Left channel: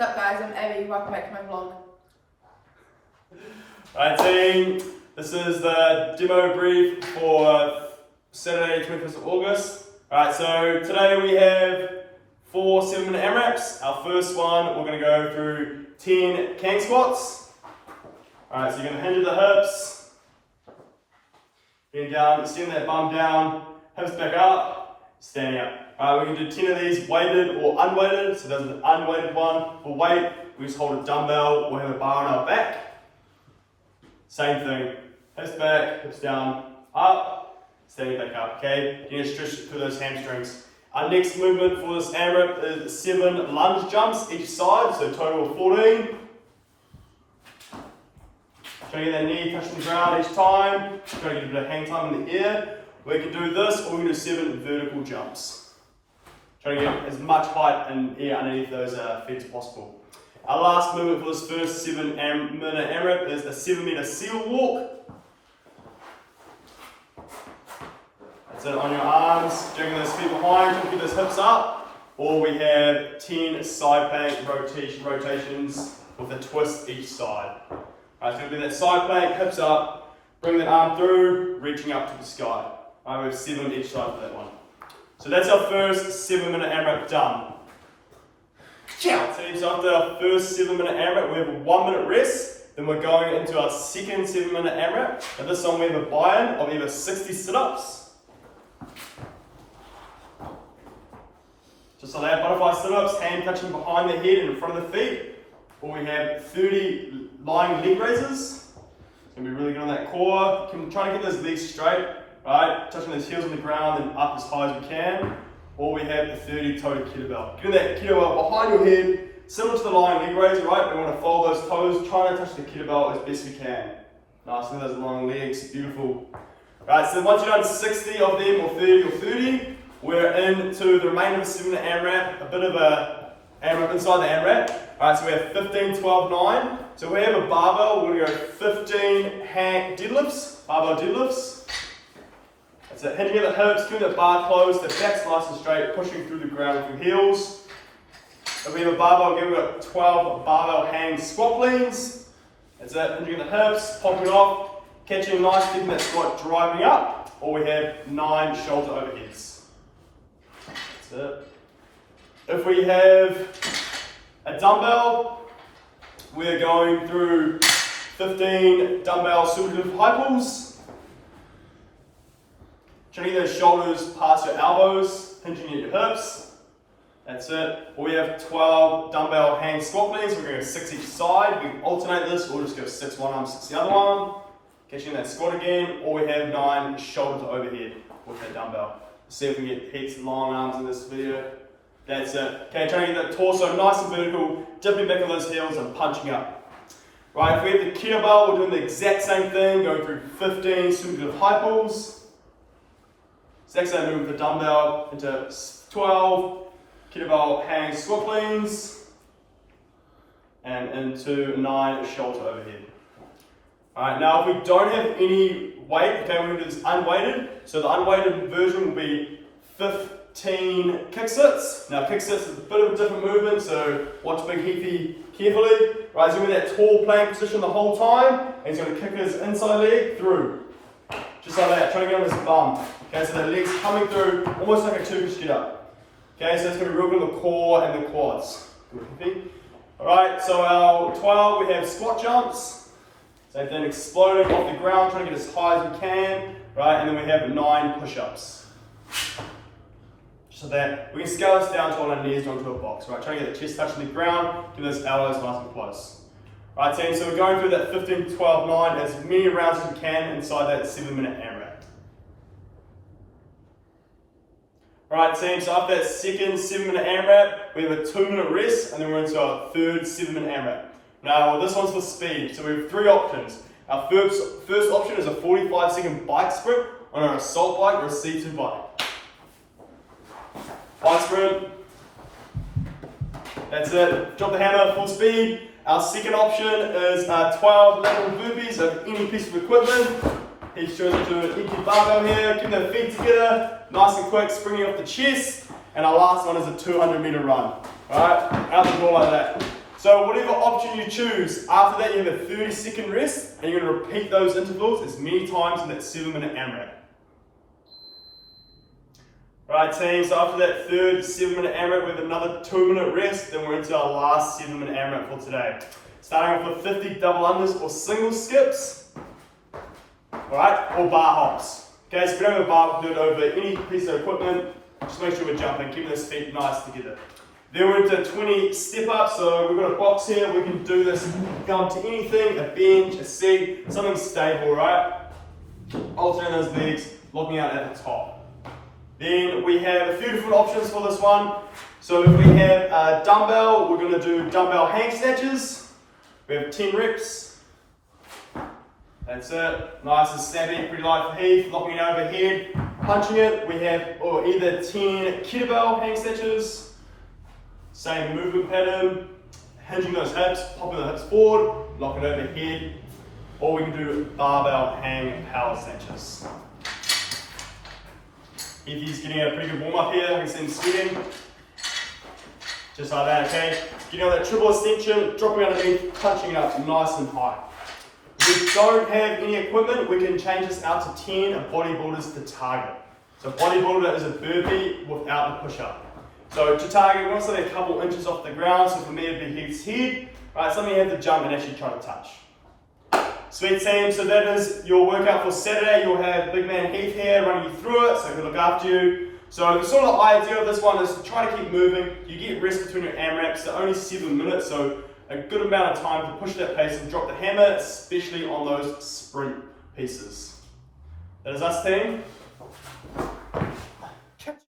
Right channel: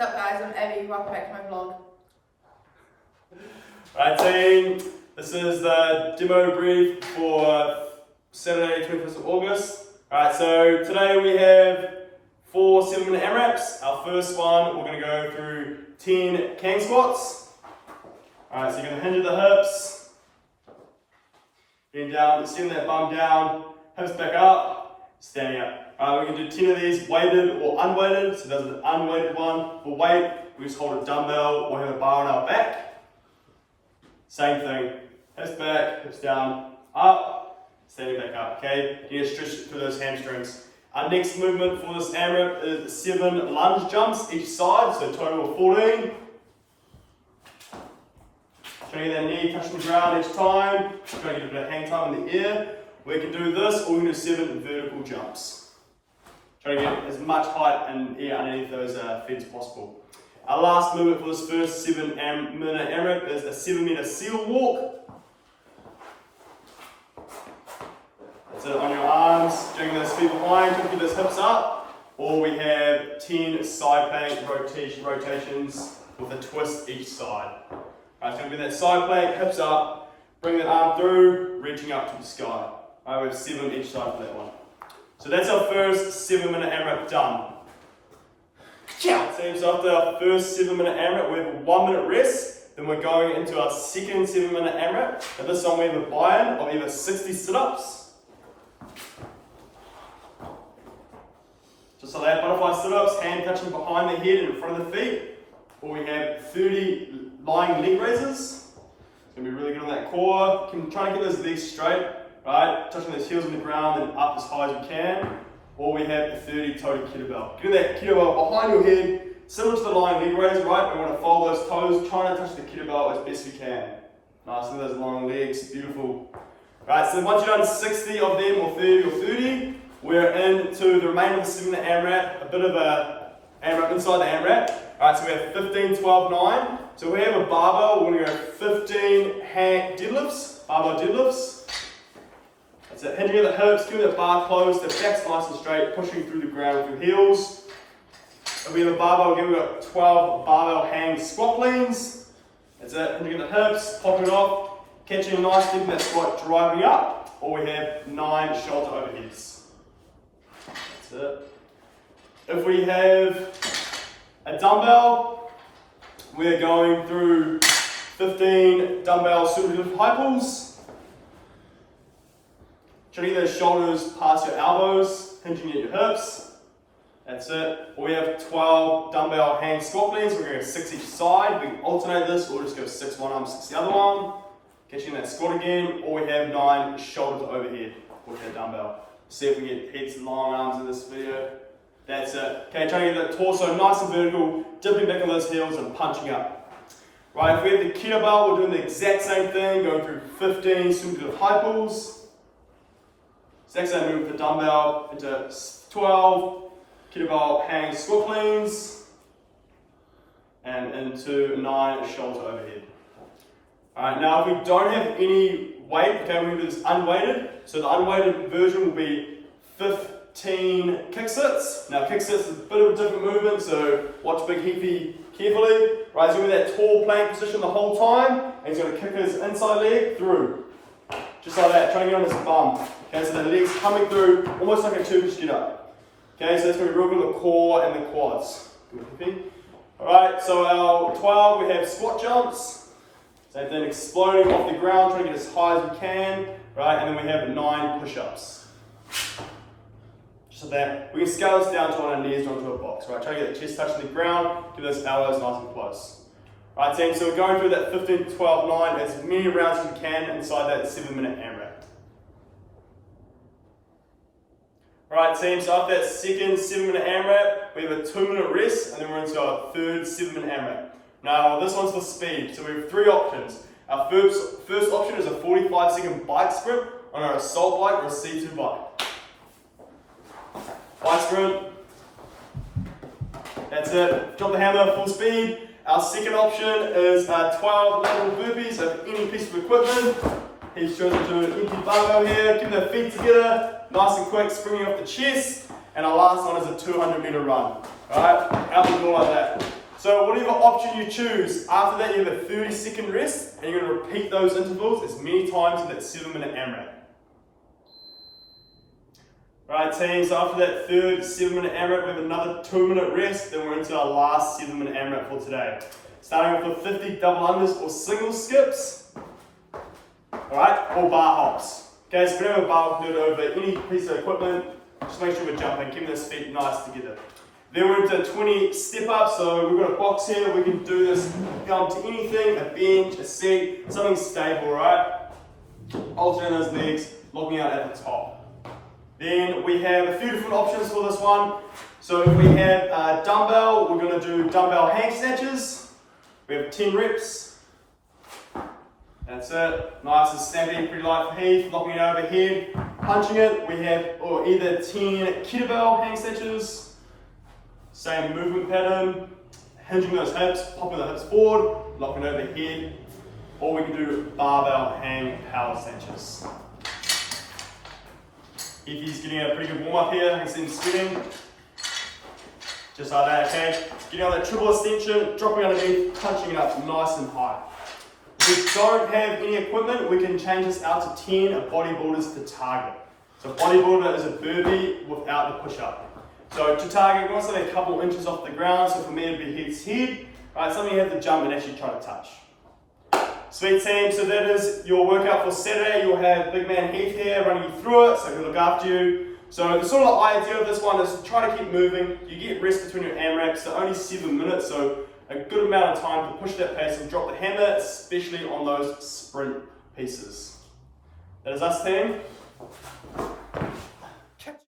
What's up guys, I'm Abby, welcome back to my vlog. Alright team, this is the demo brief for Saturday 21st of August. Alright, so today we have 4 7-minute AMRAPs. Our first one, we're going to go through 10 Kang Squats. Alright, so you're going to hinge at the hips, bend down, send that bum down, hips back up, standing up. Alright, we're going to do 10 of these weighted or unweighted. So there's an unweighted one. For weight, we just hold a dumbbell or have a bar on our back. Same thing, hips back, hips down, up, standing back up, okay? You need to stretch through those hamstrings. Our next movement for this AMRAP is 7 lunge jumps each side, so total of 14. Try to get that knee touching the ground each time. Try to get a bit of hang time in the air. We can do this, or we can do 7 vertical jumps. Try to get as much height and air underneath those feet as possible. Our last movement for this first 7-minute AMRAP is a 7-meter seal walk. That's it, on your arms, dragging those feet behind, trying to keep those hips up. Or we have 10 side plank rotations with a twist each side. Alright, so it'll be that side plank, hips up, bring that arm through, reaching up to the sky. Alright, we have 7 each side for that one. So that's our first 7-minute AMRAP done. So after our first 7-minute AMRAP, we have a 1-minute rest. Then we're going into our second 7-minute AMRAP. At this one we have a buy-in of either 60 sit-ups. Just like that, butterfly sit-ups, hand touching behind the head and in front of the feet. Or we have 30 lying leg raises. It's going to be really good on that core. Trying to get those legs straight. Right, touching those heels on the ground and up as high as we can. Or we have the 30 toed kettlebell. Getting that kettlebell behind your head, similar to the lying leg raise, right? We want to fold those toes, trying to touch the kettlebell as best we can. Nice, look at those long legs, beautiful. Right, so once you've done 60 of them, or 30, we're into the remainder of the 7-minute AMRAP, a bit of a AMRAP inside the AMRAP. Alright, so we have 15, 12, 9. So we have a barbell, we're going to go 15 hand deadlifts, barbell deadlifts. That's it, hinging at the hips, keeping that bar closed, the back's nice and straight, pushing through the ground with your heels. And we have a barbell, again we've got 12 barbell hang squat cleans. That's it, hinging at the hips, popping it off, catching nice, keeping that squat driving up. Or we have 9 shoulder overheads. That's it. If we have a dumbbell, we're going through 15 dumbbell super high pulls. Trying to get those shoulders past your elbows, hinging at your hips. That's it. Or we have 12 dumbbell hang squat cleans. We're going to go 6 each side. We can alternate this, or just go 6 one arm, 6 the other one. Catching that squat again. Or we have 9 shoulder to overhead with that dumbbell. See if we get heaps and long arms in this video. That's it. Okay, trying to get that torso nice and vertical, dipping back on those heels and punching up. Right, if we have the kettlebell, we're doing the exact same thing, going through 15 super high pulls. Exact same movement for dumbbell into 12 kettlebell hang squat cleans and into 9 shoulder overhead. Alright, now if we don't have any weight, okay, we're going to do this unweighted. So the unweighted version will be 15 kick sits. Now kick sits is a bit of a different movement, so watch Big Heafy carefully. Right, he's in that tall plank position the whole time, and he's going to kick his inside leg through. Just like that, trying to get on his bum. Okay, so the legs coming through, almost like a Turkish get up. Okay, so it's going to be real good on the core and the quads. Good. Alright, so our 12, we have squat jumps. Same thing, exploding off the ground, trying to get as high as we can. Right, and then we have 9 push-ups. Just like that. We can scale this down to on our knees onto a box. Right, trying to get the chest touching the ground, get those elbows nice and close. Right team, so we're going through that 15, 12, 9, as many rounds as we can inside that 7-minute AMRAP. Alright team, so after that second 7-minute AMRAP, we have a 2-minute rest, and then we're into our third 7-minute AMRAP. Now this one's for speed, so we have 3 options. Our first option is a 45-second bike sprint on our assault bike or a C2 bike. Bike sprint. That's it, drop the hammer, full speed. Our second option is 12 lateral burpees of any piece of equipment. He's sure to do an empty barbell here, keep the feet together, nice and quick, springing off the chest. And our last one is a 200-meter run. Alright, out the door like that. So whatever option you choose, after that you have a 30-second rest, and you're going to repeat those intervals as many times in that 7-minute AMRAP. Right team, so after that third 7-minute AMRAP, we have another 2-minute rest, then we're into our last 7-minute AMRAP for today. Starting off with 50 double unders or single skips, alright, or bar hops. Okay, so if we don't have a bar, we can do it over any piece of equipment. Just make sure we're jumping, keeping those feet nice together. Then we're into 20 step-ups, so we've got a box here, we can do this, go up to anything, a bench, a seat, something stable, right? Alternating those legs, looking out at the top. Then we have a few different options for this one. So if we have a dumbbell, we're going to do dumbbell hang snatches. We have 10 reps. That's it. Nice and snappy, pretty light for Heath. Locking it overhead, punching it. We have either 10 kettlebell hang snatches. Same movement pattern. Hinging those hips, popping the hips forward, locking overhead. Or we can do barbell hang power snatches. He's getting a pretty good warm up here. I can see him sweating. Just like that, okay? Getting on that triple extension, dropping underneath, punching it up nice and high. If we don't have any equipment, we can change this out to 10 of bodybuilders to target. So bodybuilder is a burpee without the push-up. So to target, we want something a couple inches off the ground. So for me, it'd be Heath's head. Right, something you have to jump and actually try to touch. Sweet team, so that is your workout for Saturday. You'll have big man Heath here running you through it, so he'll look after you. So the sort of idea of this one is to try to keep moving. You get rest between your AMRAPs, so only 7 minutes, so a good amount of time to push that pace and drop the hammer, especially on those sprint pieces. That is us, team.